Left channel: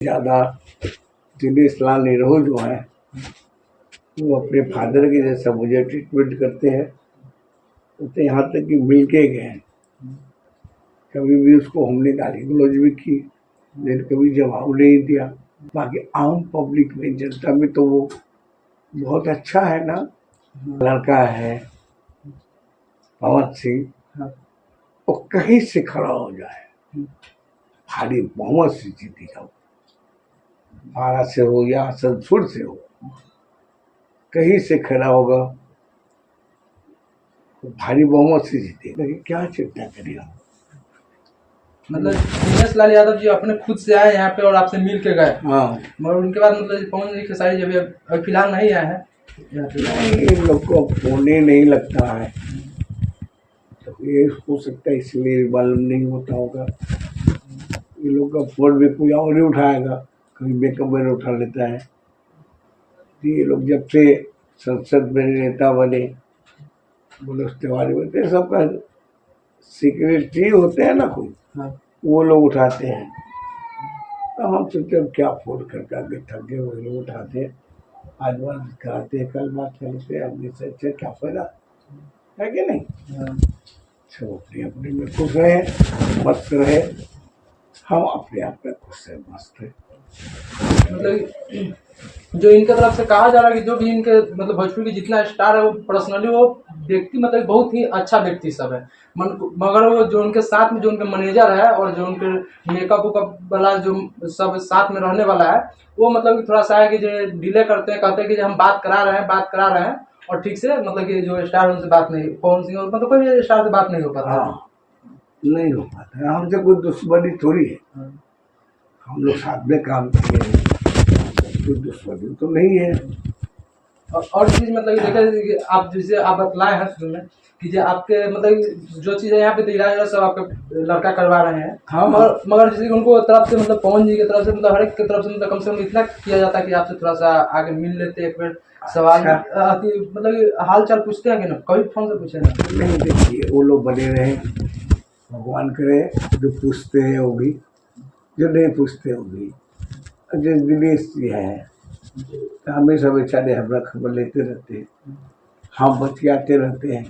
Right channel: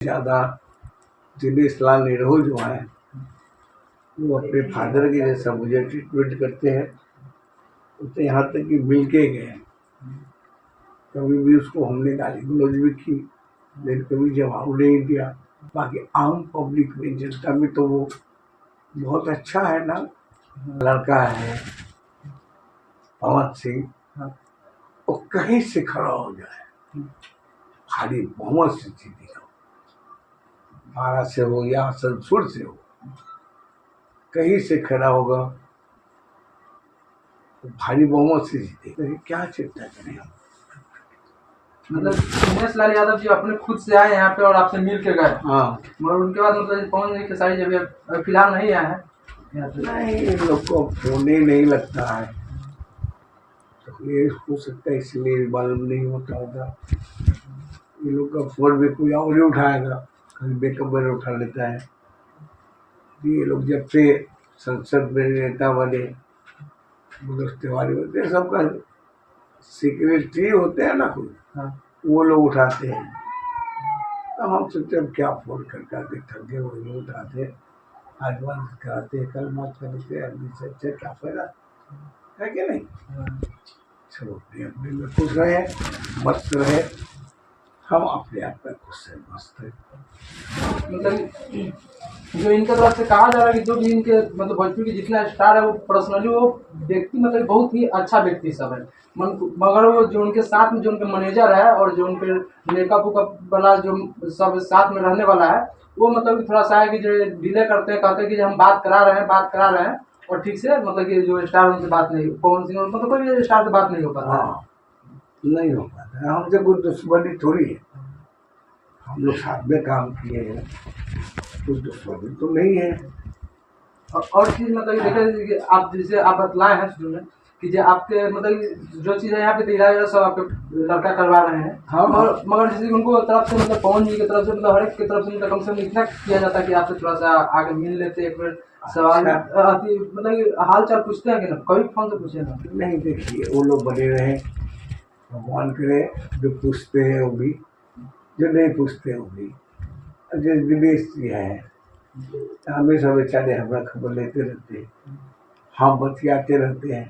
ज़्यादा दिनेश लाल निरहू जो हैं वो अपने फादर के जैसा मुझे ट्रीटमेंट करते हैं। तो यहाँ तक कि मिल के गए हैं, कभी भी उसको हमने गाली गलौज भी की लेकिन कभी जवाब नहीं दिया। बाकी आम पब्लिक में जनता में तो वो बहुत अच्छा है ना। लड़का है पवन सिंह, वो कहीं से खड़ा हो जाए, भारी बहुमत से जीतेगा, 12 से हो या आसनसोल से हो, कहीं से खड़ा होगा तो भारी बहुमत से जीतेगा। क्या चिंता करें हम। मतलब दिनेश लाल यादव जी अपने खुद से आए यहाँ पे और आपसे मिल के गए। हाँ, मगर उनके बाद मतलब पवन जी खेसारी जब अभी फिलहाल नहीं आए हैं यहाँ पे। नहीं, इन लोग को होने नहीं लगता है, तो ये हो सकता है इसलिए मालूम नहीं होता होगा। ये लोग का फोन भी कोई और ही उठाएगा, कभी मेकअप में उठा लेता है। ये लोग जब से संसद में नेता बने, मनोज तिवारी होते हैं, सबका सेक्रेटरी होते हैं ना कोई, वो लोग उठाते हैं। तो हम सोचते हैं क्या फोन करके आगे थक गए, वही लोग उठाते हैं, आज बात कराते हैं, कल बात करते हैं, आदमी से अच्छा क्या फायदा है कि नहीं। सब अपने अपने में खुश रहे, मस्त रहे, हम अपने आप में खुश है, मस्त है। मतलब जो इनके तरफ से कहा जा रहा है कि जो भी इनके मतलब भोजपुरी के जितना स्टार है वो पर्सनली वो व्यक्ति मतलब बहुत ही अच्छा व्यक्ति सब है। मगर वो जो उनके साथ में जो उनके मैनेजर है और जो उनके मेकअप वेकअप वाला जो सब साथ में रहने वाला है, वो मतलब कि थोड़ा सा है कि जो डिले करते हैं, कहते हैं कि हम बात करा रहे हैं और ठीक से मतलब कि जो स्टार उनसे बात नहीं, पवन सिंह मतलब कोई भी स्टार से बात नहीं हो पाता। हाँ, नहीं हो पाता है। हमसे कोई दुश्मनी थोड़ी है, हम लोग साथ में काम किए हैं, कोई दुश्मनी तो नहीं है। और चीज़ मतलब कि देखा कि आप जैसे आप बतलाए हैं शुरू में कि जो आपके मतलब जो चीज़ है यहाँ पे तो इलाज सब आपके लड़का करवा रहे हैं। हाँ, मगर जैसे उनको तरफ से मतलब पवन जी की तरफ से मतलब हर एक की तरफ से मतलब कम से कम इतना किया जाता है कि आपसे थोड़ा सा आगे मिल लेते, एक बार सवाल मतलब हाल चाल पूछते हैं कि ना, कभी फोन से पूछे ना। नहीं, देखिए वो लोग बने रहे, भगवान करे, जो पूछते हैं वो भी, जो नहीं पूछते वो भी। जैसे दिनेश जी हैं, हमेशा बेचारे हमारा खबर लेते रहते हैं, हम बतियाते रहते हैं,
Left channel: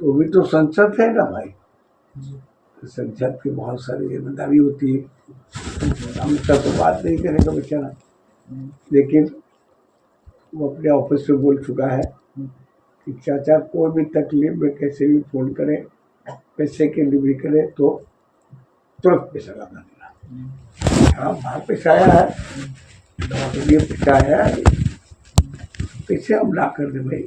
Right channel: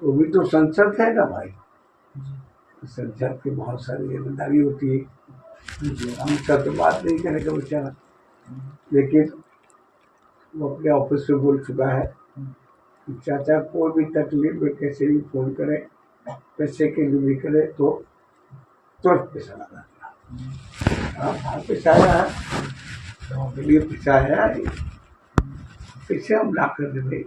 तो भी तो संसद है ना भाई। संसद की बहुत सारी जिम्मेदारी होती है, हमसे तो बात नहीं करेगा बेचारा, लेकिन वो अपने ऑफिस में बोल चुका है कि चाचा कोई भी तकलीफ में कैसे भी फोन करें, पैसे के लिए भी करे तो तुरंत पैसा लगा देना। हाँ, बाहर पैसा आया है, लिए पैसा आया है, कैसे हम ला कर दे भाई।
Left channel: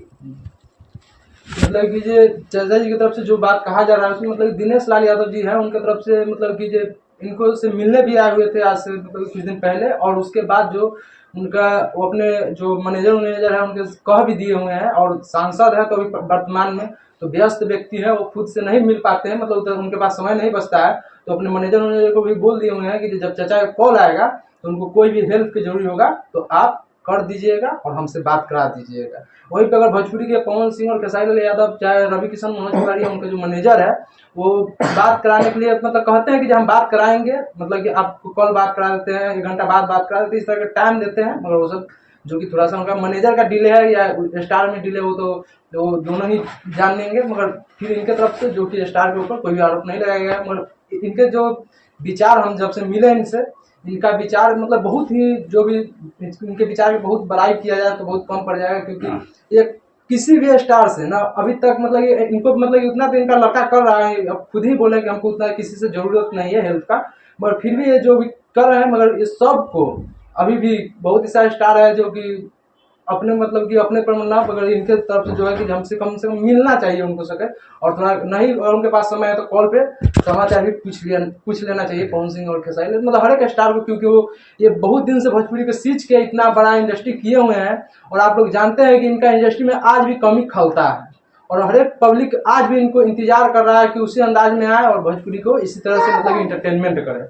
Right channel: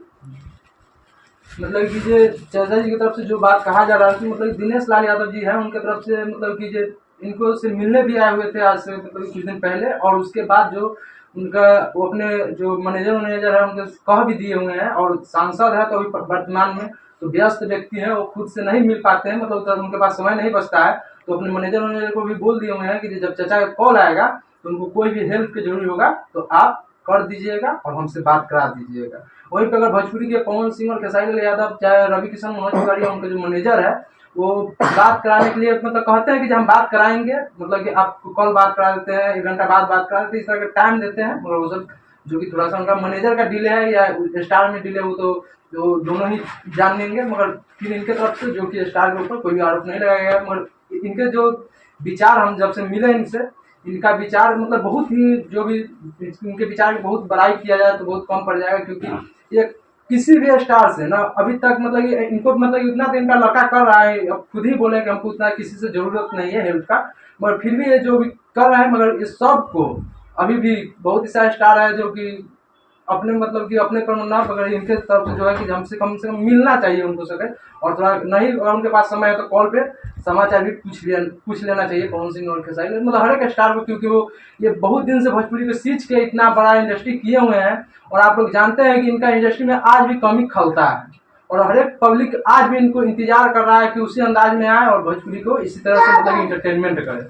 मतलब कि जे चाचा जी की तरफ से जो बात कहा जा रहा है कि मतलब दिनेश लाल यादव जी हैं उनके तरफ से मतलब कि जे इनको से मिलने भी आए हुए थे आज से मतलब कुछ दिन पहले, और उसके बाद जो उनका वो अपने जो मैनेजर है उनके कह भी दिए हुए हैं, और सांसद है तो अभी वर्तमान में तो व्यस्त व्यक्ति है, वो खुद से नहीं मिल पाते हैं, मतलब उनके पास समय नहीं बचता है, तो अपने मैनेजर को भी बोल दिए हुए हैं कि जब चाचा का कॉल आएगा तो उनको कोई भी हेल्प की जरूरी होगा तो आप कर दीजिएगा और हमसे बात करा दीजिएगा। वहीं पे अगर भोजपुरी के पवन सिंह और खेसारी लाल यादव चाहे रवि किशन मनोज तिवारी उनका जो मैनेजर है वो बात कराने के लिए मतलब कहते हैं कि हम बात कराएंगे, मतलब कि आपको कॉल बात करा देते हैं, 1 घंटा बाद बात करा देते हैं, इस तरह का टाइम देते हैं, मगर वो सब जो कि थोड़ा सा उनका मैनेजर का डिले है या स्टार में डिले, वो तो दोनों ही जान लेंगे। मगर फिर इनके तरफ से जो कि स्टार के ऊपर कोई भी आरोप नहीं लगाया गया, मगर इनके जो विचार हम जब से मिले इनसे, इनका विचार मतलब बहुत ही जो भी इनके विचार की बहुत बड़ाई किया जाए तो बहुत कम पड़ जाएगा, क्योंकि ये किसी भी स्टार से ना अभी तक मतलब ये इनको मतलब इतना तो इनका लड़का कर रहा है, अब खुद ही बोले कि हमको उतना किसी से जरूरत नहीं है हेल्प का, मगर फिर भी ये जो भी कर रहे हैं, मगर ये सबको अभी भी बहुत ही सारे स्टार है जो कि अपने मतलब कि अपने पर ना पकड़, इनके तरफ से जो है कि हमसे कम से कम मिलना चाहिए उनको सके, और थोड़ा नहीं और उनके पास समय है तो कॉल पे समाचार भी पूछ लेना चाहिए पवन सिंह और खेसारी, मतलब हर एक स्टार को, क्योंकि वो ये बहुत दिन से भोजपुरी को सींच के इतना बड़ा इंडस्ट्री किए हुए हैं, और आप लोग जानते हैं कि इनका इंडस्ट्री में आज भी कमी खलता है, और हर एक पब्लिक आज भी इनको इंतजार कर रहा है कि उसी अंदाज में आए और भोजपुरी को इसी तरह से मतलब इंटरटेनमेंट करे।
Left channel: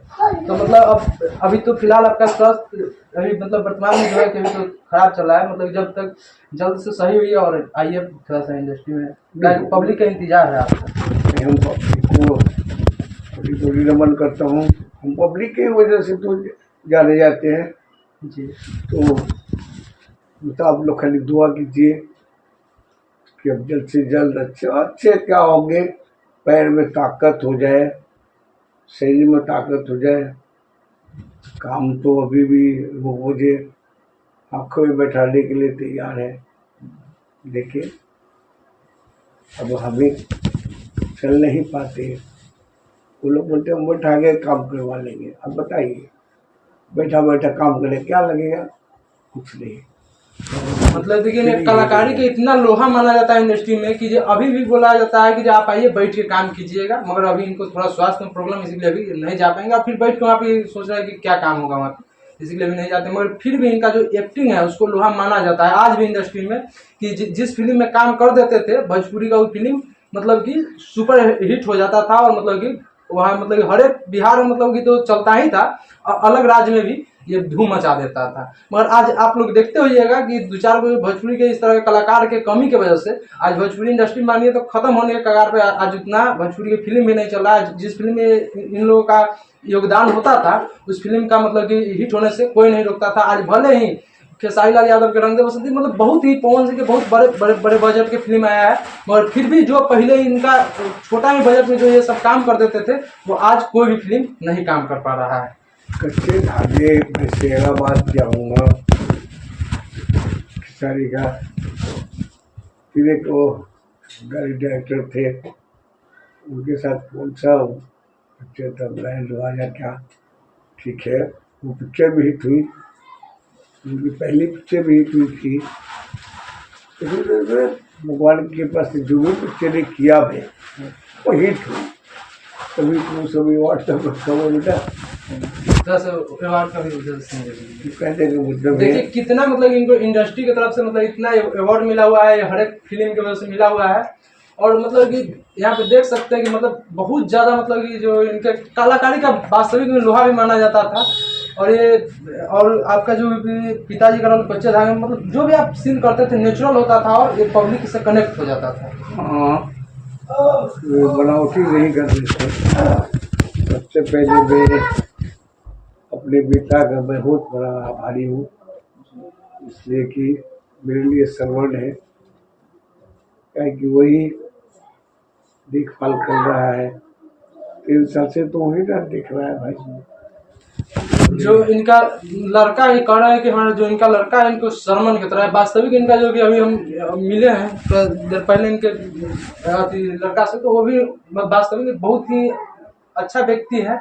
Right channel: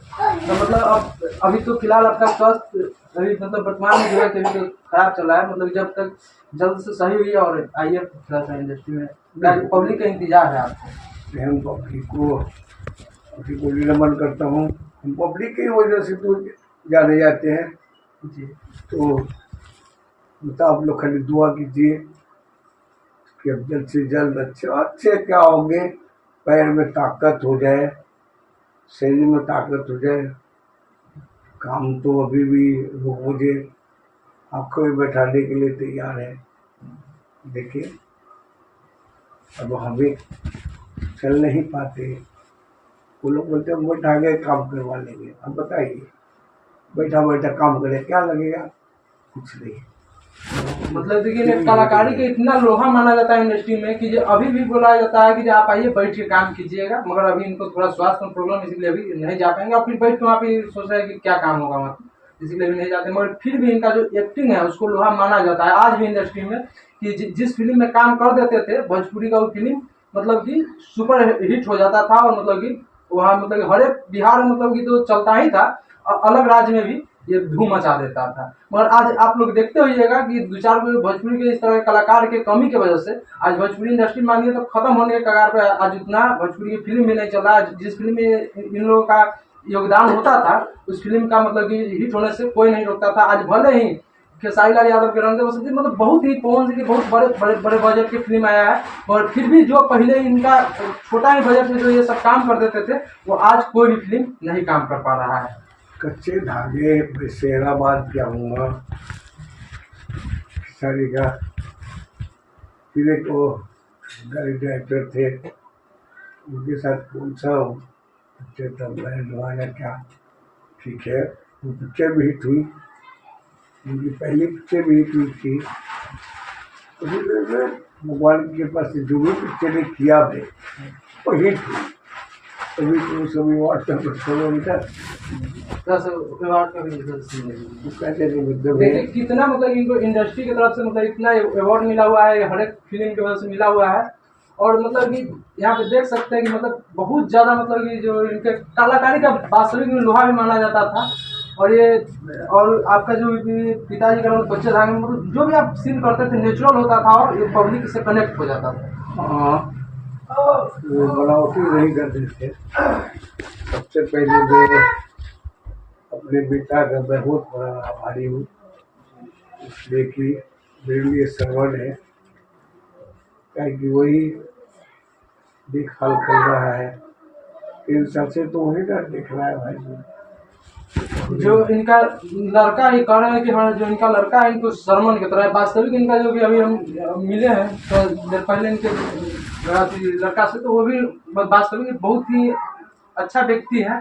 तो मतलब अभी तो फिलहाल आपका स्वास्थ्य अभी मतलब वर्तमान में जो है कि अभी तो खराब चल रहा है, मतलब जब तक जल्द से सही हुई और आइए थोड़ा सा इंडस्ट्री में पब्लिक का इंतजार है आपको। हम पब्लिक को नमन करता हूँ, हम पब्लिक की वजह से तो जाने जाते हैं। जी तो मतलब आप लोग खाली दुआ कीजिए कि अब जल्द से जल्द अच्छे अच्छे क्या होंगे, पैर में ताकत हो जाए, शरीर में ताकत हो जाए। काम तो अभी भी वो मुझे आंखों में बैठाने के लिए तैयार है। देखिए अब हमें चल नहीं पाते, वो लोग बोलते हैं हम बैठा के काम करवा लेंगे। अब बताइए बैठा बैठा काम करें क्या लगेगा, कुछ नहीं। मतलब देखिए ये कलाकारी के इतना लोहा माना जाता है इंडस्ट्री में कि जो अभी भी बोला जाता है कि जो आप आइए बैठ के काम कीजिएगा, मगर अभी इनको थोड़ा स्वास्थ्य में प्रॉब्लम इसलिए अभी नहीं जा पाएंगे और फिर बैठ के वहाँ पे सोच रहे हैं कि क्या काम होगा वहाँ पे, इसलिए भी नहीं जाते। मगर फिर भी इनका जो एक्टिंग है उसको लोहा माना जाता है आज भी इंडस्ट्री में कि जिस फिल्म में काम कर देते थे भोजपुरी का वो फिल्म मतलब कि सुपर हिट हो जाता था और मतलब कि वहाँ मतलब कि हर एक बिहार में मतलब कि तो चलता ही था, अलग राज्य में भी ये धूम मचा देता था। मगर आज आप लोग देखते होइएगा कि दो चार जो भोजपुरी के इस तरह के कलाकार के कमी की वजह से आज भोजपुरी इंडस्ट्री मानिए तो खत्म होने के कगार पे आज उतना भोजपुरी की फिल्म भी नहीं चल रहा है। जिस फिल्म में इन लोगों का योगदान होता था उस फिल्म का मतलब कि हिट होने से कोई नहीं रोकता था। आज भले ही खेसारी लाल यादव के रंग दे बसंती मतलब बहुत ही पवन सिंह के बहुत बड़े बड़े बड़े बजट के फिल्म आया है, मगर फिर भी जो पहले इनका छोटा ही बजट में जो ये सब काम कर देते थे वो आज कोई भी फिल्म नहीं काम कर पा रहा है। कच्चे धागे मैं शेराबाद जाऊँगा खेसारी का, फिर एक वो गाड़ी डायरेक्टर थे उनके साथ कौन सा पिक्चर था ब्रांड वाला क्या, ठीक है वो पिक्चर भी हिट हुई, उनकी पहली पिक्चर भी हिट हुई थी। तो फिर भगवान के पास जो भी पिक्चरें किया है वो हिट हुई, तभी तो सभी व्हाट्सएप पर चलो बेटा 10 अवार्ड का भी तो कहते हैं मतलब देखिए कितना मतलब इनको इंडस्ट्री की तरफ से मतलब इतना अवार्ड मिला हुआ है, हर एक फिल्म की वजह से मिला हुआ है। और मतलब कि यहाँ पे देख सकते हैं कि मतलब बहुत ज़्यादा मतलब कि जो इनके कलाकारी का वास्तविक में लोहा भी माना जाता था। और ये और आपका जो भी पिताजी का रोल कच्चे धागे में मतलब जो भी आप सीन करते थे नेचुरल होता था और ये पब्लिक से कनेक्ट हो जाता था। हाँ वो बनावटी नहीं करते थे। सबसे पहले मैं अपने पिता का मैं बहुत बड़ा आभारी हूँ, इसलिए कि मेरे लिए सर्वण है, क्या कि वही देखभाल कर रहा है। 3 साल से तो वही ना देख रहा है भाई। जो इनका लड़का ही कह रहे हैं कि हाँ जो इनका लड़का है इनको सरमन की तरह है। वास्तविक इनका जो भी अभी हम मिले हैं तो पहले इनके लड़का से तो वो भी वास्तविक बहुत ही अच्छा व्यक्ति है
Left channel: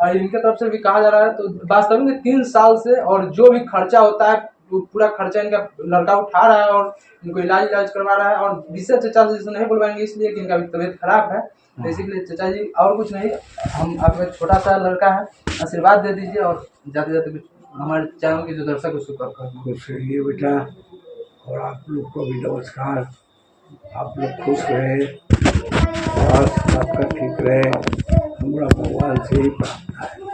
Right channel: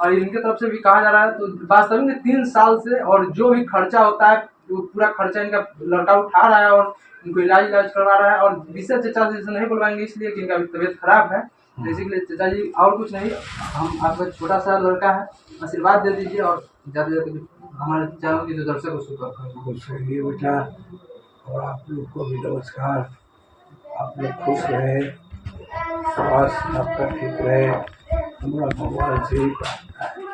और इनके तरफ से भी कहा जा रहा है। तो वास्तविक में 3 साल से और जो भी खर्चा होता है वो पूरा खर्चा इनका लड़का उठा रहा है और इनको इलाज करवा रहा है। और विशेष चचा जी से नहीं बुलवाएंगे इसलिए कि इनका भी तबीयत खराब है, तो इसीलिए चचा जी और कुछ नहीं, हम आपका छोटा सा लड़का है आशीर्वाद दे दीजिए और जाते जाते कुछ हमारे चैनल के जो दर्शक उसको कर खुश रहिए बेटा, और आप लोग को भी नमस्कार। आप लोग खुश रहे, स्वास्थ्य आपका ठीक रहे, हमारा भगवान से ही प्रार्थना है।